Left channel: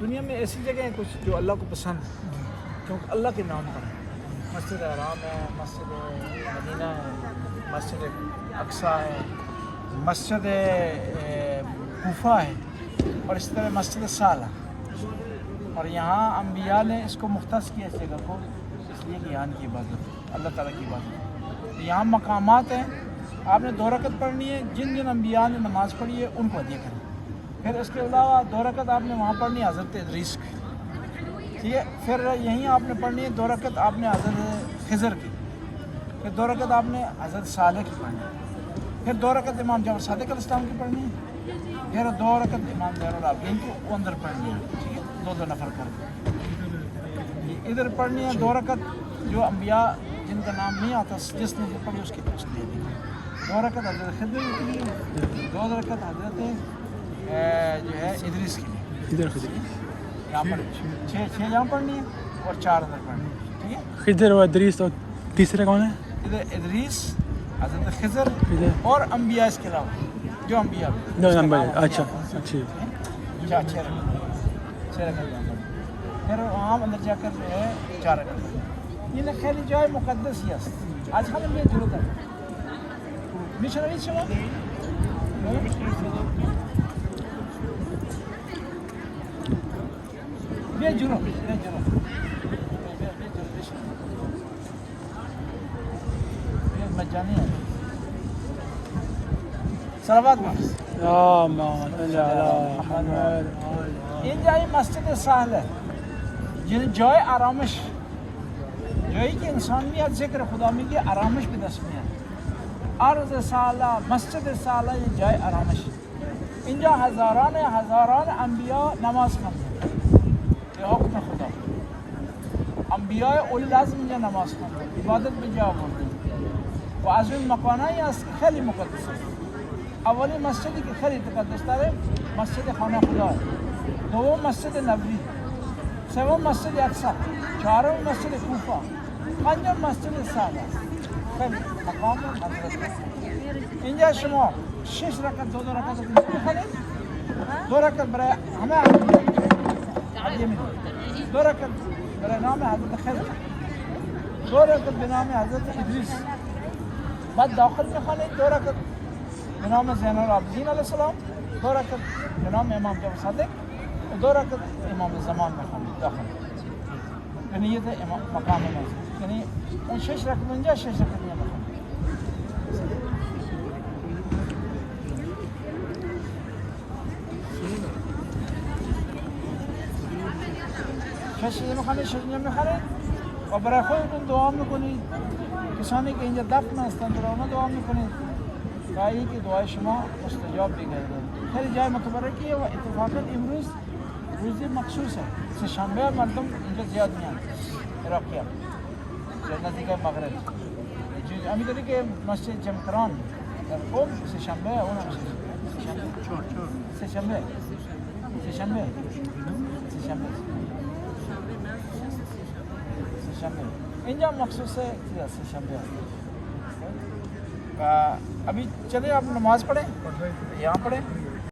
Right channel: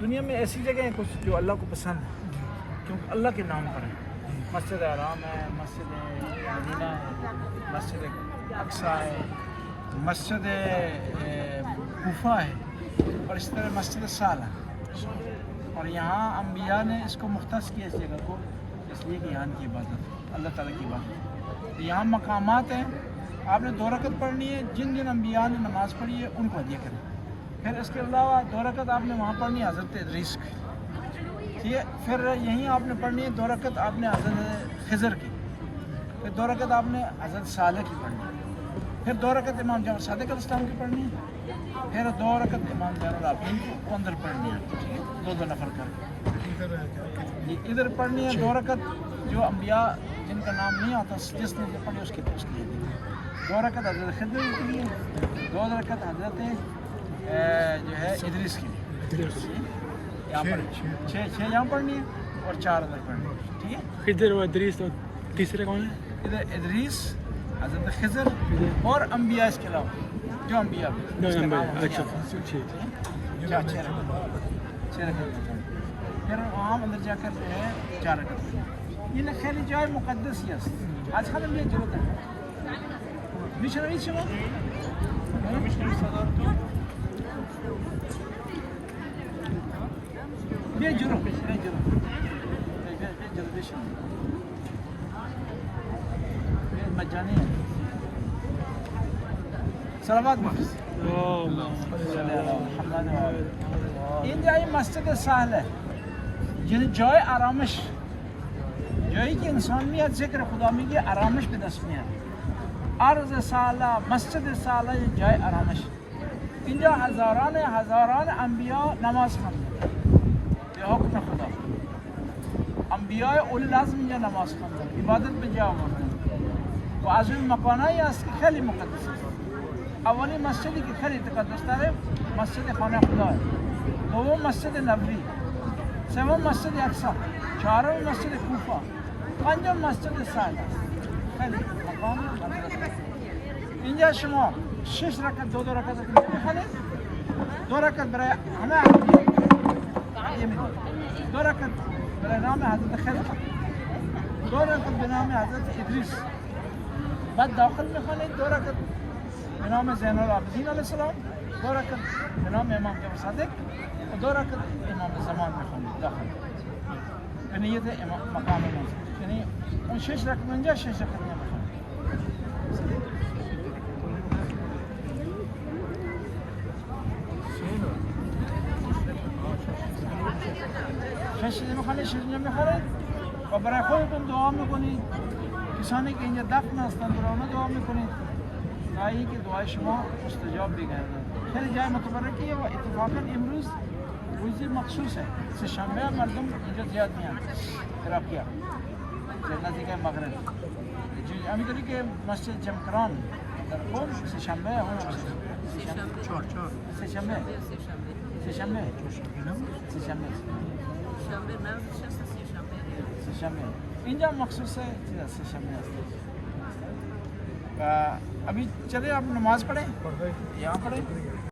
دنیا میں ایسی جگہیں ہیں کچھ جو اللہ کو پسند ہے کیونکہ اللہ کے نام پر ہے. مسجد حرام ہے, مسجد مدینہ ہے, مسجد اقصیٰ ہے, مسجد کوفہ ہے, اور اس طرح مسجد صالح. اور یہاں انبیاء نے اس کو مختص کیا اس جگہ کو, اس لیے کہ یہاں کی عبادت اللہ تعالیٰ کی عبادت. یہاں مقامات ہیں, آپ نے 2 رکعت پڑھنی ہے, جن جن انبیاء نے نماز پڑھی ہے ان کو ادا کریں. پھر اس کے علاوہ 2 رکعت آپ نے وہاں پڑھنی ہے حضرت ادریس کی, ٹھیک ہے. پھر یہیں آپ نے پڑھنی ہے 2 رکعت آپ نے حضرت خضر کی, پھر 2 رکعت آپ نے حضرت صالح کی پڑھنی ہے, پھر 2 رکعت امام جعفر صادق علیہ السلام کی پڑھنی ہے, پھر 2 رکعت امام زین العابدین کی وہ اندر پڑھنی ہے, ٹھیک ہے, 2 نفر کر کے. ادھر پڑھنی ہے 2 رکعت جو انبیاء جن کا نام نہیں آتا جس نے یہ پڑھی اس کی 2 رکعت حضرت خضر کی لیے, 2 رکعت حضرت جو ہے ادریس کی لیے. یہاں پر 6 یہاں پڑھنی ہے اور 4 ادھر پڑھنی ہے, ٹھیک ہے. خضر و ادریس, اور تیسرا کون ہے؟ ادھر ادریس, حضرت خضر اور انبیاء اس کے علاوہ جو انبیاء بھی. اچھا اچھی. 6 رکعت. پھر وہاں اندر جا کر جو ہے 4 رکعت پڑھنی. یہ خیلی جائے مقدس یس آج ہم بھی ضرورت ہے مشنری شما بیجرو مجانی ہے صلوات این جای مسجد سهل ہے یعنی جای آرامش, جایی که انسان میاد ذکر خدا میگه آرامش به دست میاد. عرض سالہ مسجد سالہ یہ جای آرامش. اینجا هزاران انبیاء نماز خواندن به حکم خدا. انبیاء اولی العزم اینجا نماز خواندن, عبادت به جا آوردن و از این مکانایی است که خیلی مقدس است. اولی مسجدی که خیلی تقدس داره مسجد خانه خدا ہے, دوم مسجد نبوی, سوم مسجد اقصی, چهارم مسجد کوفه, پنجم مسجد سالہ. خیلی مقام مدرسه است. اینجا شما 6 رکعت 2 رکعت میخوانید, 2 رکعت برای همه انبیاء هدیه میدید, 2 رکعت برای نام حضرت خضر, 2 رکعت به نام حضرت ادریس. بعد داخل میخوانید 2 رکعت به نام زین العابدین علیه السلام, 2 رکعت به نام امام جعفر صادق و 2 رکعت امام زمان میخوانید داخل به نیت مقام موضوع. یعنی اون 6 رکعت اینجا 6 رکعت اینجا میخوانید. شش میخوانید, 6 میخوانید و برای خودتون دعا میکنید. کسانی که اینجا دفن هستند برای اونا دعا میکنید تا اینکه دعای شما مستجاب بگردد. خیلی جای متبرکیه و اتفاقا امروز روزی مخصوص ہے, سه‌شنبه مردم اینجا زیاد میان عراقی‌ها نزدیک مغرب. همینطوری که مسجد جمکران در قم سه‌شنبه اونم سه‌شنبه اینجا مخصوص ہے سه‌شنبه است. ابھی چلے آپ نماز پڑھیں, یہاں پڑھیں.